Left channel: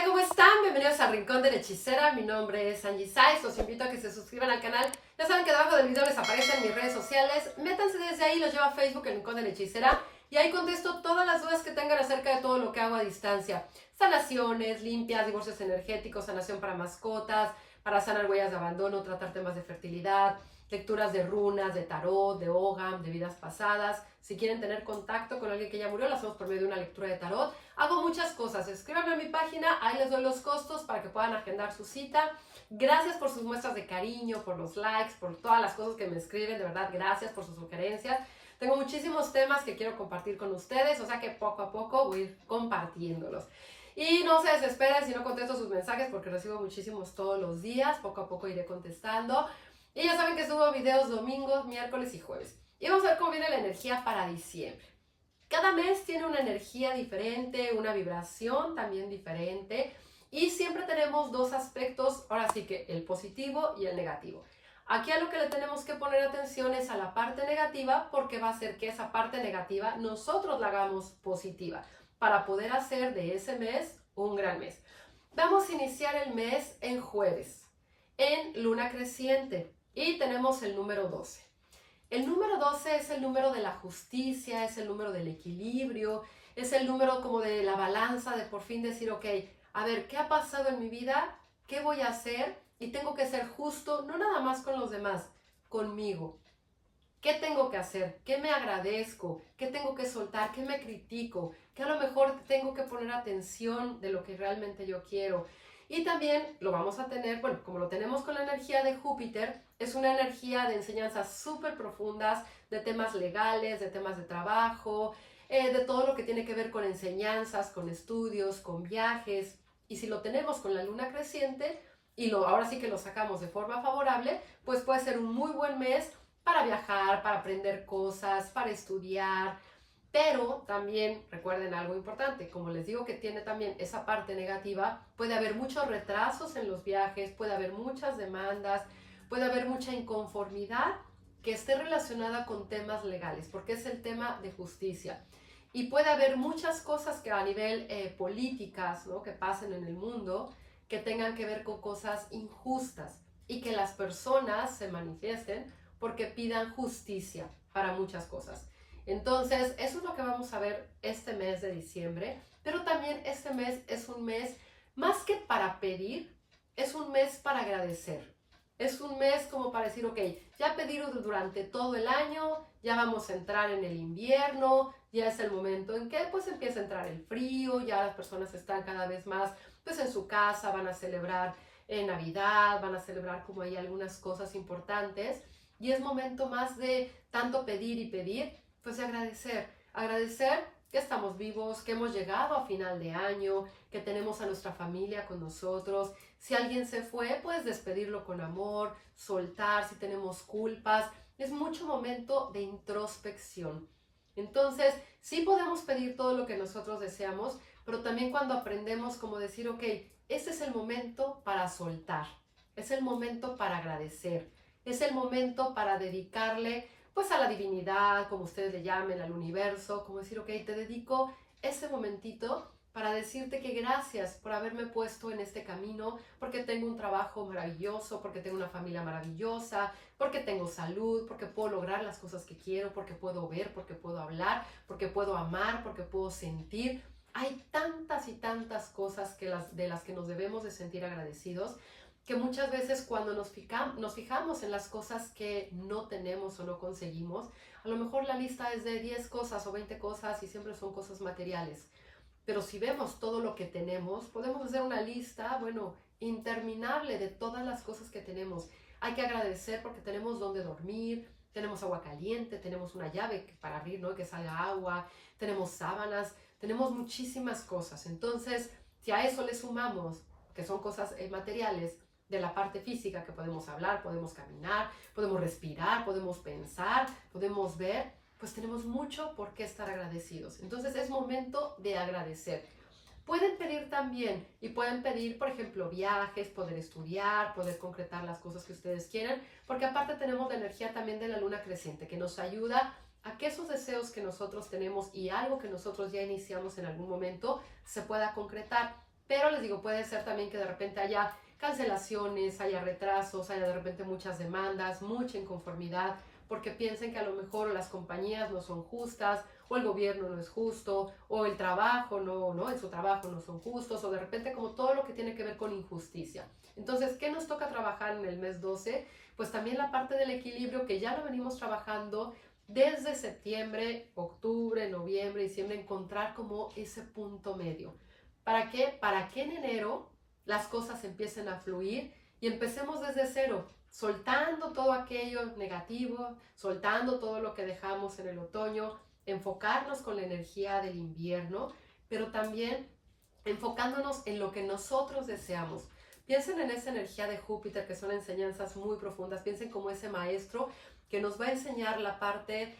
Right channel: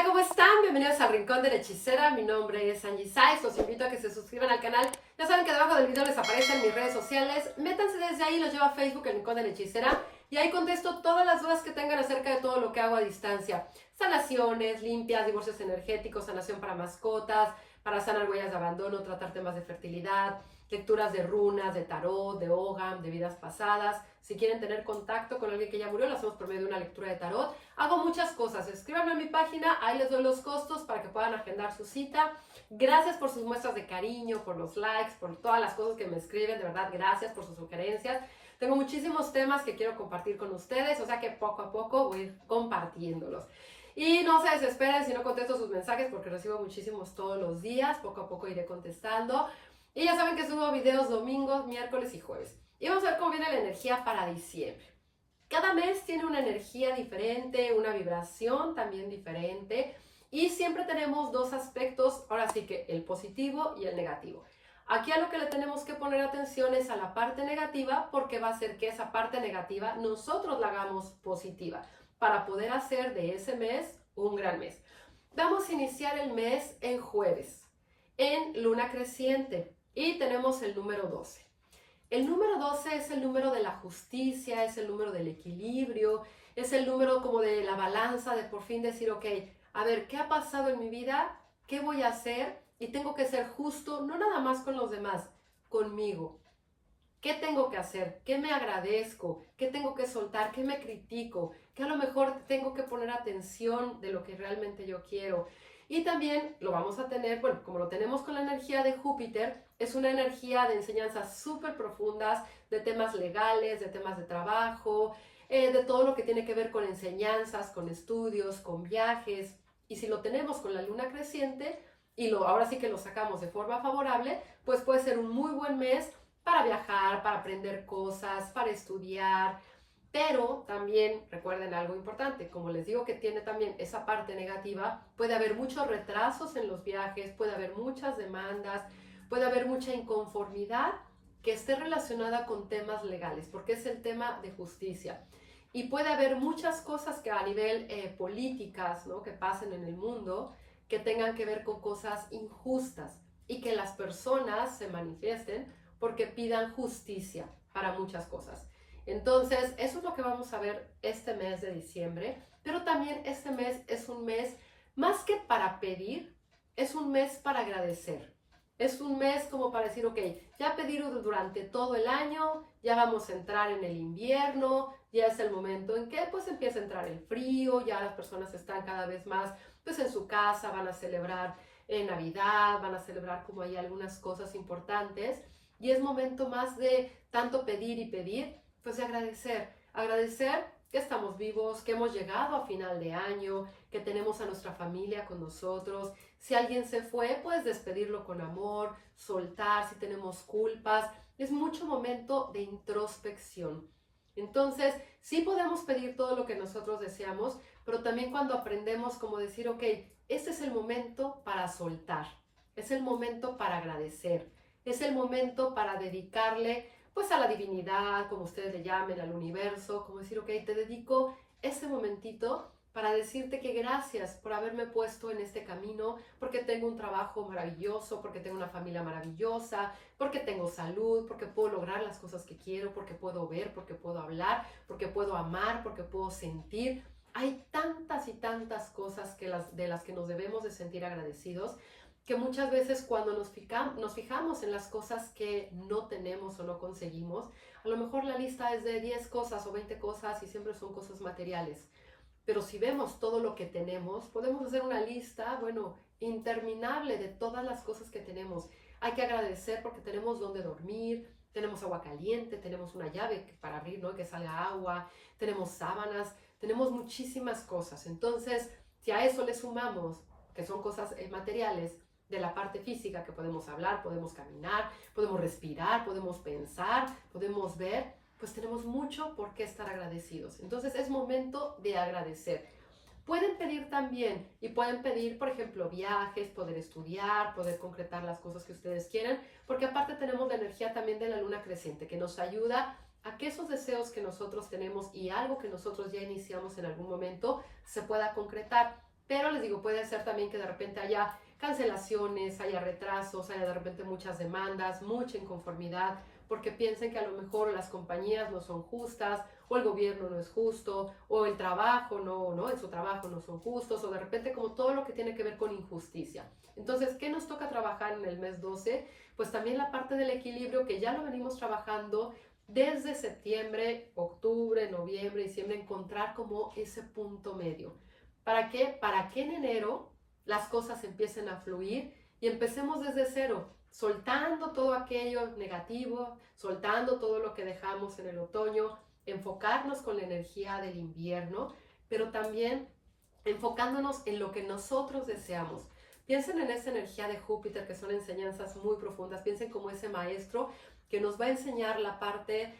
Hola, ¿cómo están? Bienvenidos al Rincón de la Hechicera. Mi nombre es Angie Saiz. Los invito a que se suscriban al canal. Ya saben que debajo del video les aparecen mis redes sociales. Métanse desde ahí, los llevo a Facebook, el Rincón de la Hechicera. Y ahí contesto todas las dudas que tengan acerca de todo lo que hago a distancia. Sanaciones, limpias, divorcios energéticos, sanación para mascotas, para sanar huellas de abandono, tratar temas de fertilidad, lecturas de runas, de tarot, de Ogam, de vidas pasadas. Si quieren tener contacto con alguien que ya murió, lo hacemos por medio de una lectura de tarot. Hago muchas cosas. Escríbanme a mi página, ahí les doy los costos para que puedan agendar su cita. Gracias por sus muestras de cariño, por los likes, por todas las cosas que me escriben. De verdad, gracias por sus sugerencias. Tengo muchísimos temas que quiero compartir con ustedes, o sea que poco a poco voy a ir compartiéndolos. Y no se desesperen si no contesto sus mensajes porque recibo muchísimos todos los días. Poco a poco iré contestando. Y ya saben que subo videos domingos, miércoles y jueves. Y vamos a ver cómo viene la energía para diciembre. Cada mes tiene una energía diferente, una vibración también diferente. Y siempre tenemos dos aspectos, ahora sí que el positivo y el negativo. Aquí a lo que le tenemos que poner atención es a la parte negativa porque va a hacer que esa parte negativa nosotros la hagamos positiva para poder hacer de ese mes un gran mes. Vamos a iniciar el mes en jueves, en luna creciente y tenemos el número 12. El número 12 es el número de la justicia, es el número del equilibrio, es el número como de la balanza, de por fin decir, ok, a ver, ¿qué ha pasado en mi vida? ¿Qué voy a hacer? Y tengo que ser justo, no nada más con los demás, conmigo. ¿Qué tengo que hacer? ¿Qué me agradezco? ¿Qué tengo que soltar? ¿Qué me critico? ¿Qué a lo mejor tengo que poner atención de lo que realmente yo quiero? Y también lo vamos a tener, bueno, como lo tenemos con la energía de Júpiter, es una energía de enseñanzas súper profundas, de temas legales, de temas de trabajo, de todo lo que tiene que ver con enseñanzas, con estudios, con viajes. Y si lo tenemos con la luna creciente, y ahora sí que lo sacamos de forma favorable, pues puede ser un muy buen mes para viajar, para aprender cosas, para estudiar, pero también recuerden algo importante, como les digo que tiene también esa parte negativa, puede haber muchos retrasos en los viajes, puede haber muchas demandas, puede haber mucha inconformidad que esté relacionada con temas legales, porque es el tema de justicia. Y puede haber muchas cosas que a nivel políticas, ¿no?, que pasen en el mundo, que tengan que ver con cosas injustas y que las personas se manifiesten porque pidan justicia para muchas cosas. Entonces, eso es lo que vamos a ver este mes de diciembre, pero también este mes es un mes más que para pedir, es un mes para agradecer. Es un mes como para decir, ok, ya pedí durante todo el año, ya vamos a entrar en el invierno, ya es el momento en que pues empieza a entrar el frío, ya las personas están cada vez más pues en su casa, van a celebrar Navidad, van a celebrar como hay algunas cosas importantes y es momento más de tanto pedir y pedir, pues de agradecer, agradecer que estamos vivos, que hemos llegado a final de año, que tenemos a nuestra familia con nosotros. Si alguien se fue, pues despedirlo con amor, soltar si tenemos culpas. Es mucho momento de introspección. Entonces, sí podemos pedir todo lo que nosotros deseamos, pero también cuando aprendemos como decir, ok, ese es el momento para soltar, es el momento para agradecer, es el momento para dedicarle pues a la divinidad, como ustedes le llamen, al universo, como decir, ok, te dedico ese momentito para decirte que gracias por haberme puesto en este camino, porque tengo un trabajo maravilloso, porque tengo una familia maravillosa, porque tengo salud, porque puedo lograr las cosas que quiero, porque puedo ver, porque puedo hablar, porque puedo amar, porque puedo sentir. Hay tantas y tantas cosas de las que nos debemos de sentir agradecidos, que muchas veces cuando nos fijamos en las cosas que no tenemos o no conseguimos, a lo mejor la lista es de 10 cosas o 20 cosas y siempre son cosas materiales. Pero si vemos todo lo que tenemos, podemos hacer una lista, bueno, interminable de todas las cosas que tenemos. Hay que agradecer porque tenemos donde dormir, tenemos agua caliente, tenemos una llave para abrir, ¿no?, que salga agua, tenemos sábanas, tenemos muchísimas cosas. Entonces, si a eso le sumamos, que son cosas materiales, de la parte física, que podemos hablar, podemos caminar, podemos respirar, podemos pensar, podemos ver, pues tenemos mucho por qué estar agradecidos. Entonces es momento de agradecer. Pueden pedir también y pueden pedir, por ejemplo, viajes, poder estudiar, poder concretar las cosas que ustedes quieran, porque aparte tenemos la energía también de la luna creciente que nos ayuda a que esos deseos que nosotros tenemos y algo que nosotros ya iniciamos en algún momento se pueda concretar. pero les digo, puede ser también que de repente haya cancelaciones, haya retrasos, haya de repente muchas demandas, mucha inconformidad, porque piensen que a lo mejor las compañías no son justas, o el gobierno no es justo, o el trabajo en su trabajo no son justos, o de repente como todo lo que tiene que ver con injusticia. Entonces, ¿qué nos toca trabajar en el mes 12? Pues también la parte del equilibrio que ya lo venimos trabajando desde septiembre, octubre, noviembre, diciembre, encontrar como ese punto medio. ¿Para qué? Para que en enero las cosas empiecen a fluir y empecemos desde cero, soltando todo aquello negativo, soltando todo lo que dejamos en el otoño, enfocarnos con la energía del invierno, pero también enfocándonos en lo que nosotros deseamos. Piensen en esa energía de Júpiter, que son enseñanzas muy profundas. Piensen como ese maestro que nos va a enseñar la parte,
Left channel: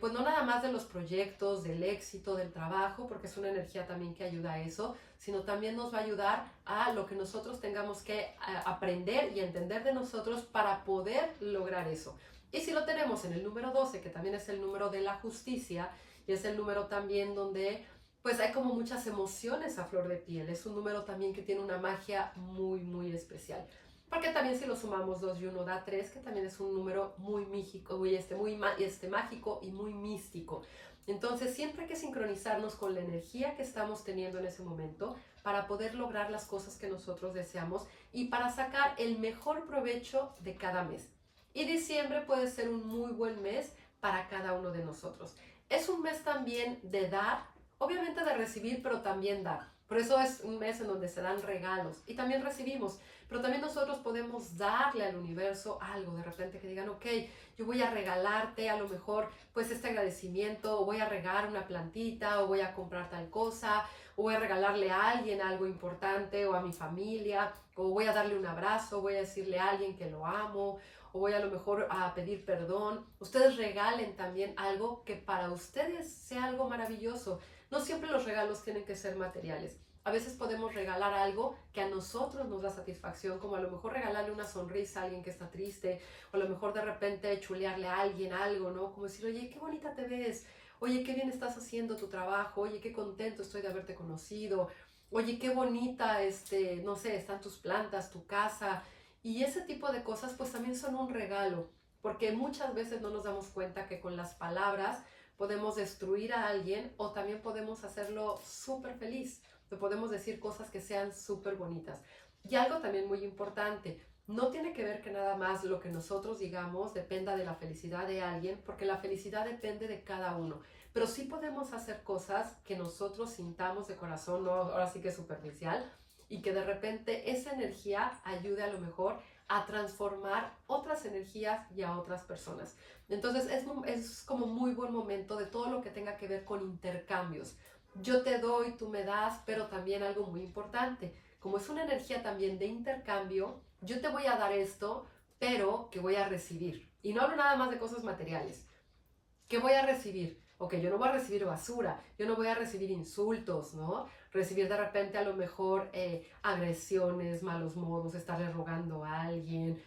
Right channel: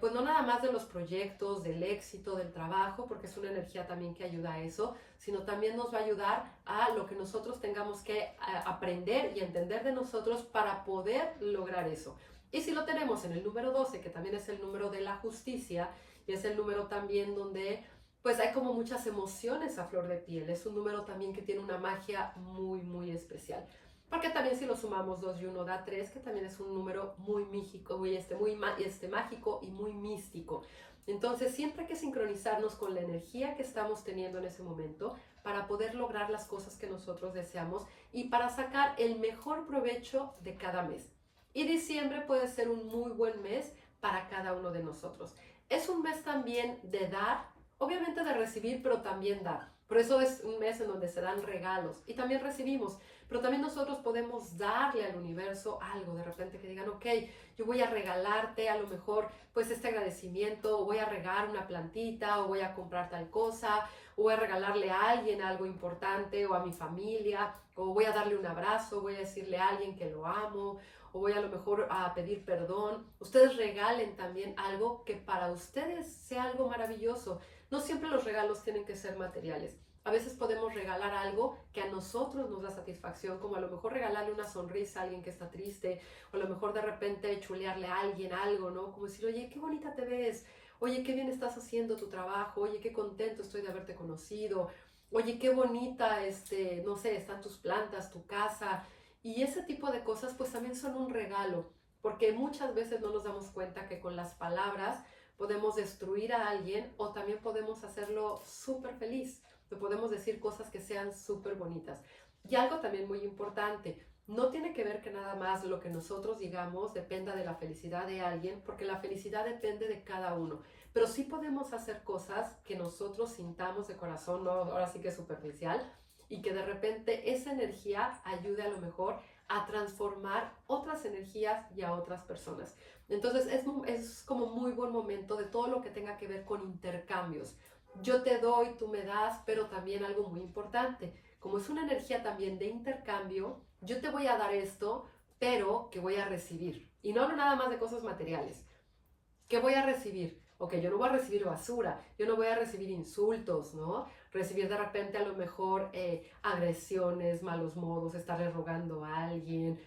pues no nada más de los proyectos, del éxito, del trabajo, porque es una energía también que ayuda a eso, sino también nos va a ayudar a lo que nosotros tengamos que aprender y entender de nosotros para poder lograr eso. Y si lo tenemos en el número 12, que también es el número de la justicia, y es el número también donde pues hay como muchas emociones a flor de piel. Es un número también que tiene una magia muy, muy especial. Porque también si lo sumamos 2 y 1 da 3, que también es un número muy mágico, mágico y muy místico. Entonces siempre hay que sincronizarnos con la energía que estamos teniendo en ese momento para poder lograr las cosas que nosotros deseamos y para sacar el mejor provecho de cada mes. Y diciembre puede ser un muy buen mes para cada uno de nosotros. Es un mes también de dar, obviamente de recibir, pero también dar. Por eso es un mes en donde se dan regalos y también recibimos, pero también nosotros podemos darle al universo algo, de repente que digan, ok, yo voy a regalarte a lo mejor pues este agradecimiento, o voy a regar una plantita, o voy a comprar tal cosa, o voy a regalarle a alguien algo importante, o a mi familia, o voy a darle un abrazo, voy a decirle a alguien que lo amo, o voy a lo mejor a pedir perdón. Ustedes regalen también algo que para ustedes sea algo maravilloso. No siempre los regalos tienen que ser materiales. A veces podemos regalar algo que a nosotros nos da satisfacción, como a lo mejor regalarle una sonrisa a alguien que está triste, o a lo mejor de repente chulearle a alguien algo, ¿no? Como decir, oye, qué bonita te ves, oye, qué bien estás haciendo tu trabajo, oye, qué contento estoy de haberte conocido, oye, qué bonita, no sé, están tus plantas, tu casa, y ese tipo de cosas pues también son un regalo, porque muchas veces no nos damos cuenta que con las palabras podemos destruir a alguien o también podemos hacerlo súper feliz. Le podemos decir cosas que sean súper bonitas. Y algo también muy importante, no tiene que ver que nada más lo que nosotros digamos dependa de la felicidad de alguien, porque la felicidad depende de cada uno. Pero sí podemos hacer cosas que nosotros sintamos de corazón, no ahora sí que es superficial, y que de repente esa energía ayude a lo mejor a transformar otras energías y a otras personas. Entonces es como muy buen momento de todo lo que tenga que ver con intercambios. Yo te doy, tú me das, pero también algo muy importante, como es una energía también de intercambio, yo te voy a dar esto, pero que voy a recibir. Y no hablo nada más de cosas materiales. ¿Qué voy a recibir? Ok, yo no voy a recibir basura, yo no voy a recibir insultos, ¿no? Recibir de repente a lo mejor agresiones, malos modos, estarle rogando a alguien,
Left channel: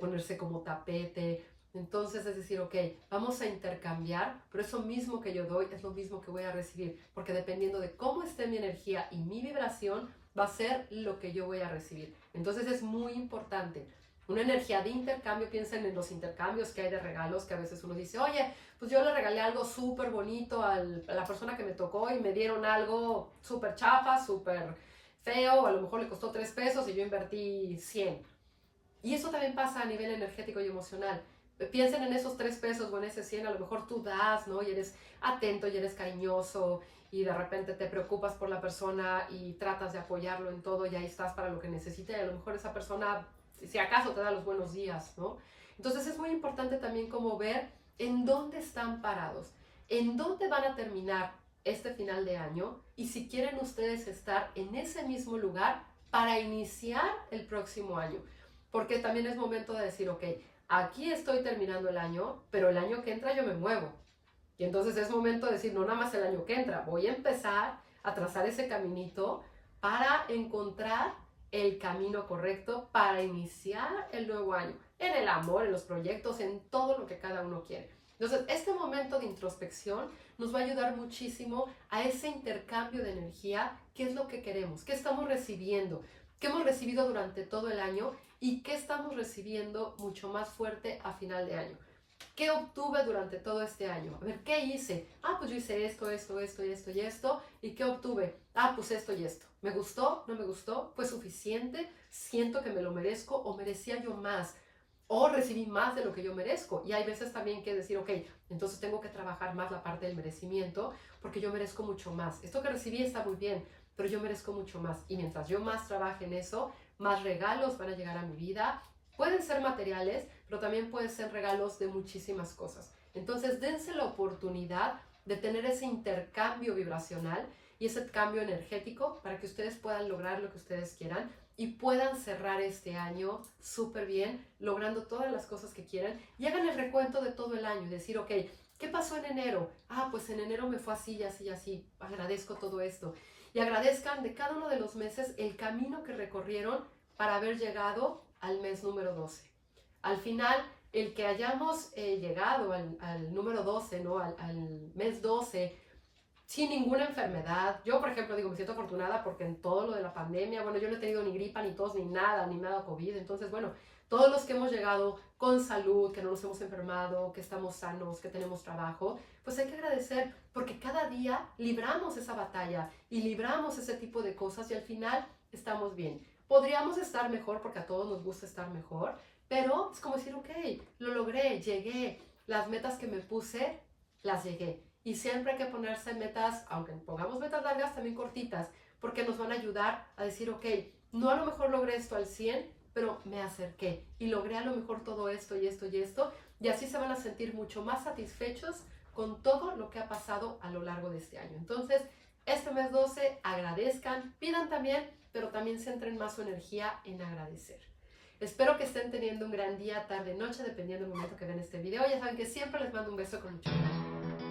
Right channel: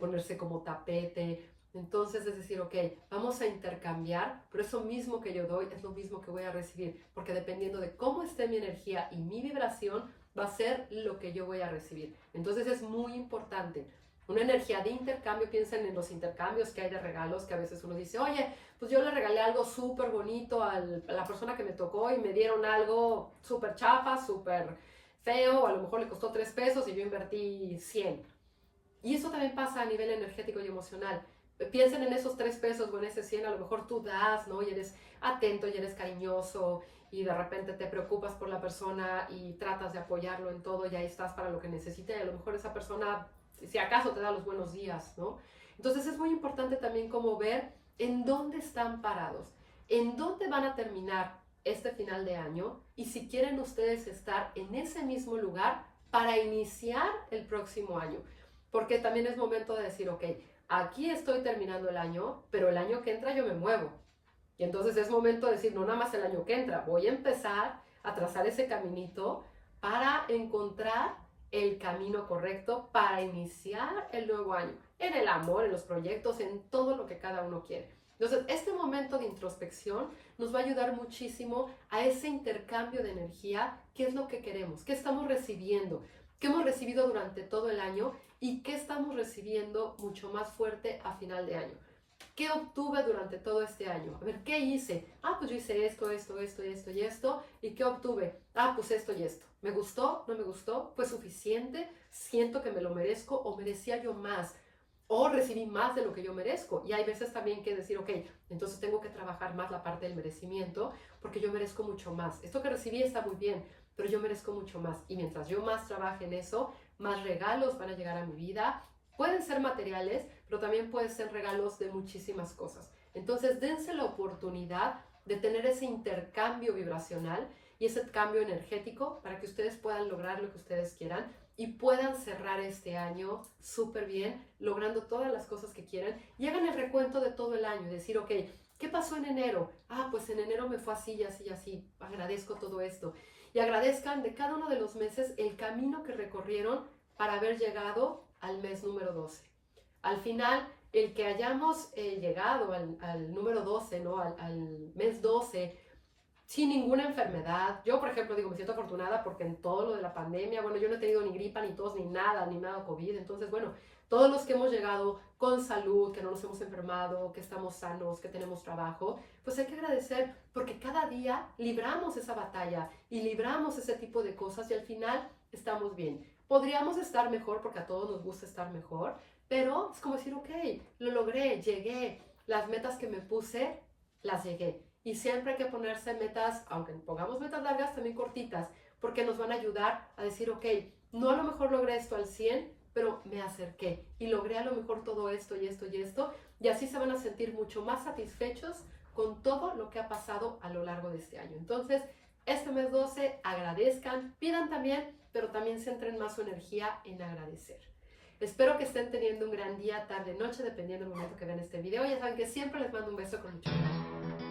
ponerse como tapete. Entonces es decir, ok, vamos a intercambiar, pero eso mismo que yo doy es lo mismo que voy a recibir, porque dependiendo de cómo esté mi energía y mi vibración, va a ser lo que yo voy a recibir. Entonces es muy importante. Una energía de intercambio, piensen en los intercambios que hay de regalos, que a veces uno dice, oye, pues yo le regalé algo súper bonito a la persona que me tocó y me dieron algo súper chafa, súper feo, o a lo mejor le costó 3 pesos y yo invertí 100. Y eso también pasa a nivel energético y emocional. Piensen en esos 3 pesos o en ese 100, a lo mejor tú das, ¿no? Y eres atento y eres cariñoso y de repente te preocupas por la persona y tratas de apoyarlo en todo y ahí estás para lo que necesita y a lo mejor esa persona si acaso te da los buenos días, ¿no? Entonces es muy importante también como ver en dónde están parados, en dónde van a terminar este final de año y si quieren ustedes estar en ese mismo lugar para iniciar el próximo año. Porque también es momento de decir, ok, aquí estoy terminando el año, pero el año que entra yo me muevo. Y entonces es momento de decir, no nada más el año que entra, voy a empezar a trazar ese caminito para encontrar el camino correcto para iniciar el nuevo año. en el amor, en los proyectos, en todo lo que cada uno quiere. Entonces, este momento de introspección nos va a ayudar muchísimo a ese intercambio de energía, qué es lo que queremos, qué estamos recibiendo, qué hemos recibido durante todo el año y qué estamos recibiendo mucho más fuerte a final de año. ¿Qué obtuve durante todo este año? A ver, ¿qué hice? Pues yo hice esto, esto, esto, esto y esto. ¿Y qué obtuve? Pues esto y esto. ¿Me gustó? ¿No me gustó? ¿Fue suficiente? ¿Siento que me lo merezco o merecía yo más? ¿O recibí más de lo que yo merezco? Y hay veces también que decir, ok, entonces tengo que trabajar más la parte del merecimiento porque yo merezco mucho más. Esto que recibí está muy bien, pero yo merezco mucho más. Y mientras yo más trabaje en eso, más regalos van a llegar a mi vida. Pueden ser materiales, pero también pueden ser regalos de muchísimas cosas. Entonces, dense la oportunidad de tener ese intercambio vibracional y ese cambio energético para que ustedes puedan lograr lo que ustedes quieran y puedan cerrar este año súper bien, logrando todas las cosas que quieran y hagan el recuento de todo el año y decir, ok, ¿qué pasó en enero? Pues en enero me fue así y así y así, agradezco todo esto. Y agradezcan de cada uno de los meses el camino que recorrieron para haber llegado al mes número 12. Al final, el que hayamos llegado al número 12, ¿no? al mes 12, sin ninguna enfermedad. Yo, por ejemplo, digo, me siento afortunada porque en todo lo de la pandemia, bueno, yo no he tenido ni gripa, ni tos, ni nada, ni nada COVID. Entonces, bueno, todos los que hemos llegado con salud, que no nos hemos enfermado, que estamos sanos, que tenemos trabajo, pues hay que agradecer porque cada día libramos esa batalla y libramos ese tipo de cosas y al final estamos bien. Podríamos estar mejor porque a todos nos gusta estar mejor, pero es como decir, ok, lo logré, llegué, las metas que me puse, las llegué. Y siempre hay que ponerse metas, aunque pongamos metas largas, también cortitas, porque nos van a ayudar a decir, ok, no a lo mejor logré esto al 100, pero me acerqué y logré a lo mejor todo esto y esto y esto, y así se van a sentir mucho más satisfechos con todo lo que ha pasado a lo largo de este año. Entonces, este mes 12, agradezcan, pidan también, pero también centren más su energía en agradecer. Espero que estén teniendo un gran día, tarde, noche, dependiendo del momento que ven este video. Ya saben que siempre les mando un beso con mucho amor.